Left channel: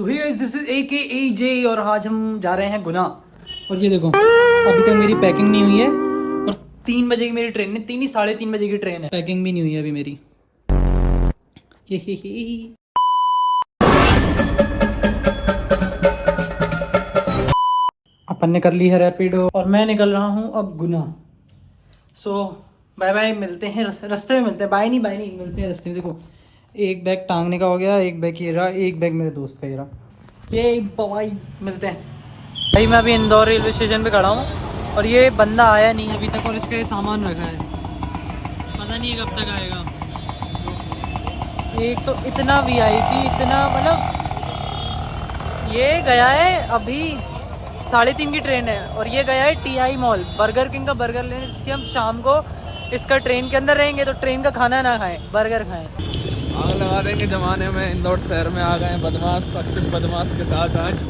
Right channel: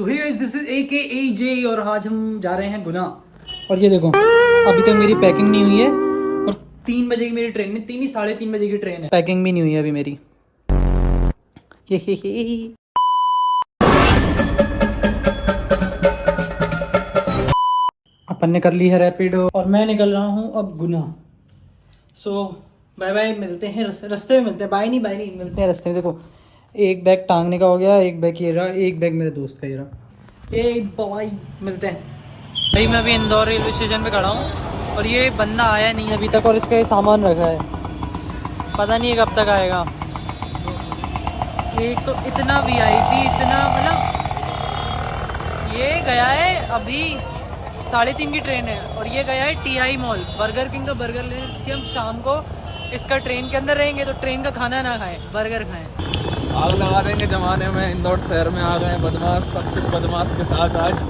So hey guys, this is AKAJ और आज हम जा रहे हैं गुना। और ये देखो, अभी तक मेरी पैकिंग नहीं हुई है और 3 बजे की मेरी ट्रेन है। 3 ही 3:30 बजे की ट्रेन है। पैकिंग भी नहीं हुई है अभी मेरी। ये अपन ने कर ली है रैपिडो और मैं निकल रहा हूँ अब गुना। सो बाय बाय, मिलते हैं रास्ते में मिलते हैं। बाय नहीं मिलते हैं रास्ते में। देखो, एक बैग टांगने का हो गया, एक बैग ये रहा, एक बैग मेरे दोस्त का ये रहा। ये बाय, मिलते हैं भाई। मैं अभी इंदौर रेलवे स्टेशन पे खड़ा हूँ और ये बंदा आया नहीं अभी तक और इसका ये सामान रखा है, पता नहीं कब तक आएगा। एक तो इतना VIP, इतना मतलब ये गया है अभी 3:30 की ट्रेन है और ये गया है TI मॉल बर्गर किंग का बर्गर लेने, जिसके हम शाम को इसका ट्रेन के अंदर रहेंगे तो ट्रेन का खाना ना खाएं, बर्गर खाएं। आग लगा देंगे जमाने में। इंदौर शहर में आ गए बदमाश, शख्सियत बदमाश के साथ आज।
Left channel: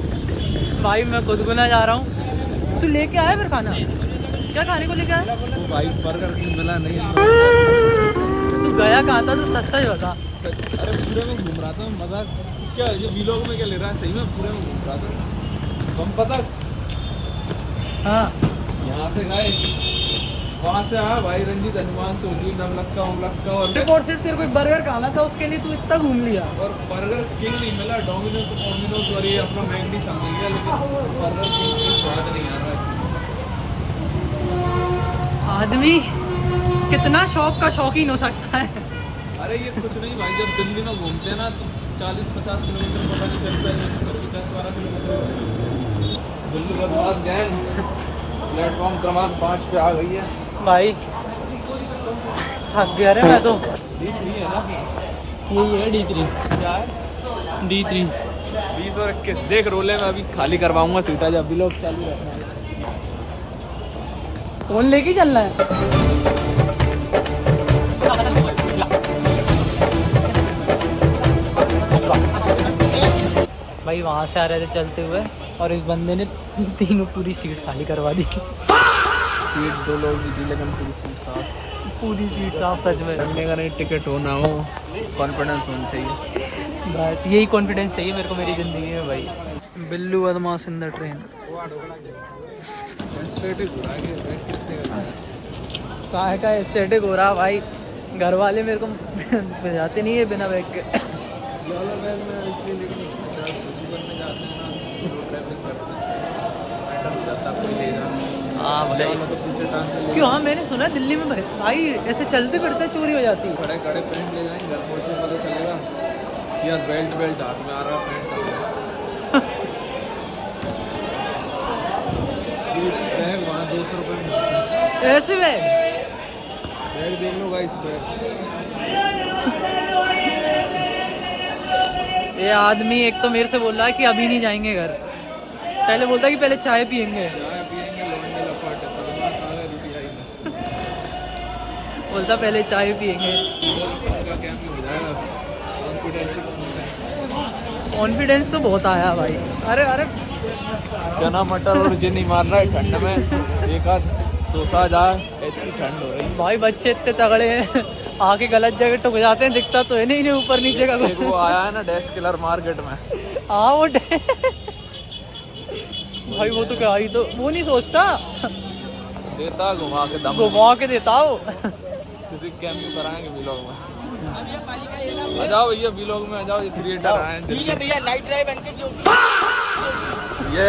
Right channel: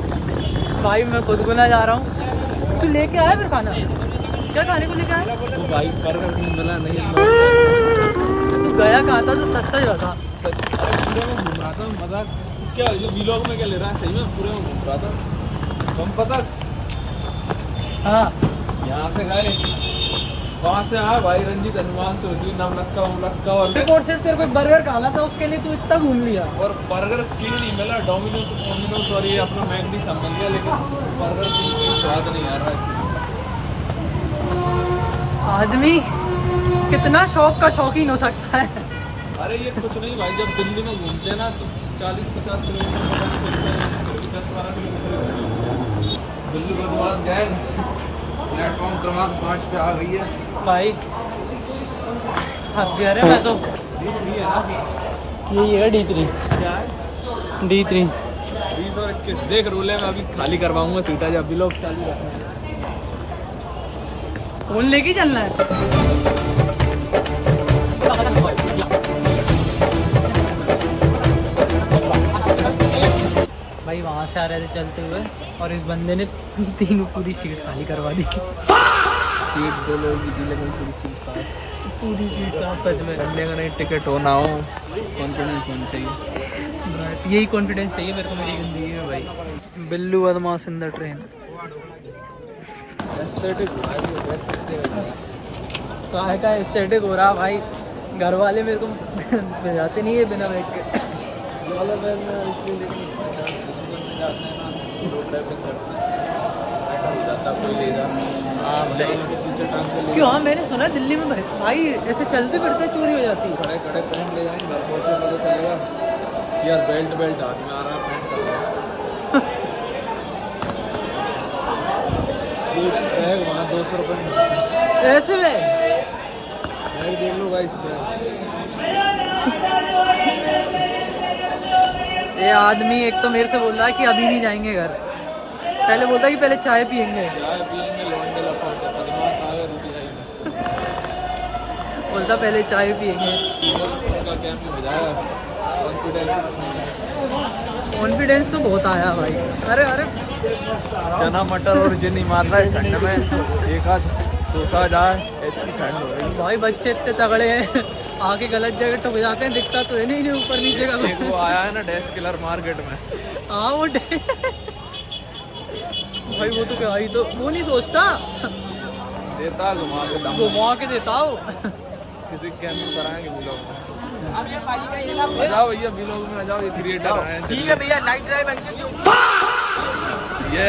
भाई मैं खुद गुना जा रहा हूँ। तू लेके आया फिर खाना? क्या खाने को लेके आया? तो भाई बर्गर किंग मिला नहीं इंदौर शहर। तू गया कहाँ था? तो सच बता। अरे पूरे में घूम रहा था, मजाक क्या? ये व्लॉग में क्या ले रहा है? सही में पूरे में घूम रहा था। तुम पता हाँ, यहाँ से गए, वहाँ से आया भाई रंजीत, हनुमान सोची, नवलक्का उमलक्का और सिर्फ तेरे को एक बर्गर खाना था, उसके लिए तू इतना घूम लिया। और बर्गर किंग नहीं मिला, डोमिनोज और ये अपना मैगडी सब मिल गया, लेकिन बर्गर किंग की स्वाद नहीं आ रहा है। आदमी कितना शौक का शौकीन हो सकता है। अरे ये कुछ नहीं भाई, जब दिल्ली में घूमते हैं ना तो 40-50 किलोमीटर पता नहीं चलता है, 10-12 किलोमीटर। दिल्ली बदमाश गैंग प्लेटफॉर्म क्रमांक 5 पे आ गई है भाई थक गया रे मैं तो। ये फ्री है ना? ये है D3 20 और 21 देख रोले में अभी खाली करवाऊंगा सीटा जब भी लोग चालू रखना। फोन लेके चलना है। भाई वहाँ से आ रहे थे चलते हुए और इस बंदे ने तीनों पूरी सीट खाली करवा दी। सीट 2 लोगों की थी लेकिन पूरी सीट साफ। पूरी सीट साफ, सच में। करने का नहीं, टिकट हो ना हो, कॉन्फिडेंस होना चाहिए। बस यही कॉन्फिडेंस चाहिए मेरे को मेरी ज़िंदगी में भाई। बिल्लू बदमाश इन द ट्रेन। एस्थेटिक का एस्थेटिक हो रहा भाई। घर वाले मेरे को भेजाते नहीं है बिना बैग के। वाला बैग में इसलिए, लेकिन में जाते हैं ना, रोड ट्रैफिक करते हैं, बैठा हो जाता कोई ले जा। हाँ भाई, तो पीछे टांग के ले क्यों? हाँ, मैंने सुना है दिल्ली में भाई ऐसे चलते फिरते चोरी हो जाती है। खड़े खड़े पैंट ले जाएंगे, घर पहुँच के पता चलेगा यार बेल्ट हाथ में आ रहा है, पैंट का ये बैग वहाँ 200 रुपये में मिलता है। ऐसे में बैग देख लो भाई, इस बैग ये आदमी एक तो मेरे से बोल रहा है कि अभी नहीं जाएंगे घर, पहले बोलता है कि पहले चाय पियेंगे। चाय पियेंगे, लौंडे लपाटे बदमाश आ गए रुकी जाएंगे। बोलता पहले चाय पियेंगे। उनका क्या हो जाएगा, कॉन्फिडेंस तो बहुत आया भाई। अरे चना मटर और जिनी मार रहा है ठंड में, एक आध सोसा जाए, इतनी ठंड हो रही भाई। बच्चे इतने तगड़े हैं, आके गलत जगह टुक जाते हैं, दिखता तो है नहीं इन्हें ऊपर नीचे का। है। वो आया है ना डैश किलर मार्केट में। हाँ वो भाई वो तो क्या ही, तो वो नहीं सोचता, देता घुमा के दम, घुमा के देता हो। किसी कैंप कराएंगे व्लॉग में। आ जाओ भैया व्लॉग में आ जाओ, ये क्रिएटर आए हैं। ठीक है भैया, लाइट ड्राइव अंकित जोशी। ये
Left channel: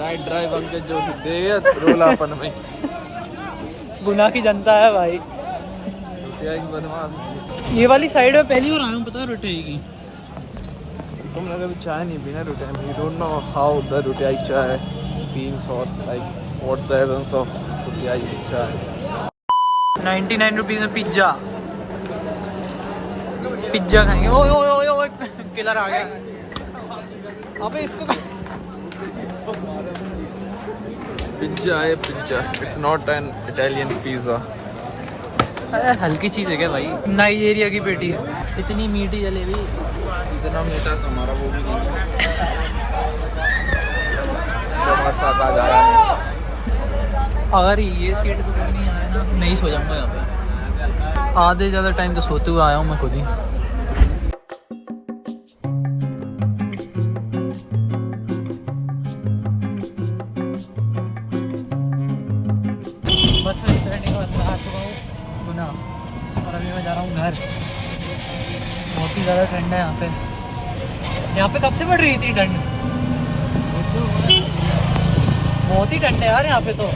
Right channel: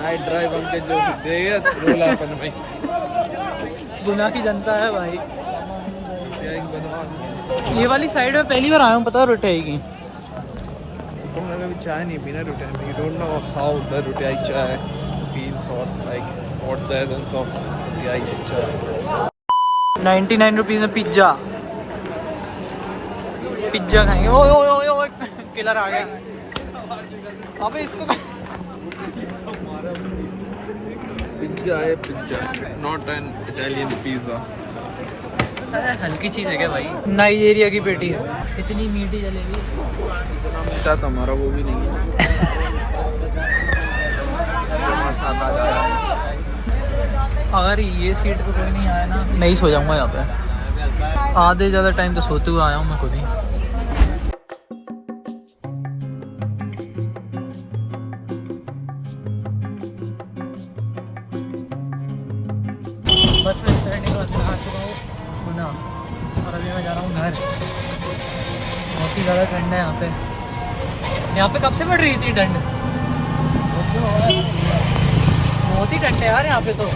नाइट ड्राइव अंकित जोशी दे रोलापन में। गुना की जनता है भाई। क्या एक बदमाश। ये वाली साइड में पहली बार आया हूँ, पता रोटाई की। तुमने कभी चाय नहीं पीना रुटियाई में? You don't know how the Rutiyai chai feels or like what's the essence of रुटियाई चाय। 99 रुपीज में पिज्जा खाएंगे। ओ किलर आ गया। अबे इसको पिज्जा है pizza, it's not an Italian pizza. अरे हल्की चीज है क्या भाई? नाइजीरिया की पेटीज, इतनी मीठी जलेबी। इतना मीठा तो हमारा वो भी नहीं है। अगर ये सीट पे कोई नहीं आया ना, नहीं सो जाऊंगा यहाँ पे। आधे ज़्यादा टाइम तो सोते हुए आया हूँ मैं खुद ही। बस में चढ़ने के बाद मैं आ चुका हूँ गुना और अभी मैं जा रहा हूँ घर। बहुत ही ज़्यादा ठंड है यहाँ पे। यहाँ पे कब से बढ़ रही थी ठंड? बहुत ही ठंड है यार यहाँ पे तो।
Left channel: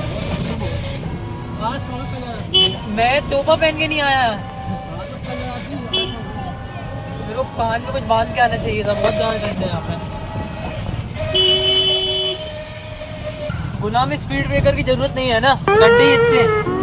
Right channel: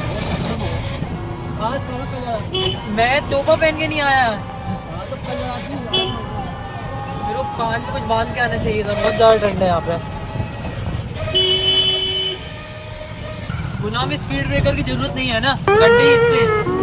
मैं तोपा पहन के नहीं आया। मेरे को कान में कुछ बांध के आना चाहिए था, बहुत ज़्यादा ठंड है यहाँ पे। गुना में स्पीड ब्रेकर की जरूरत नहीं है ना, गड्ढे इतने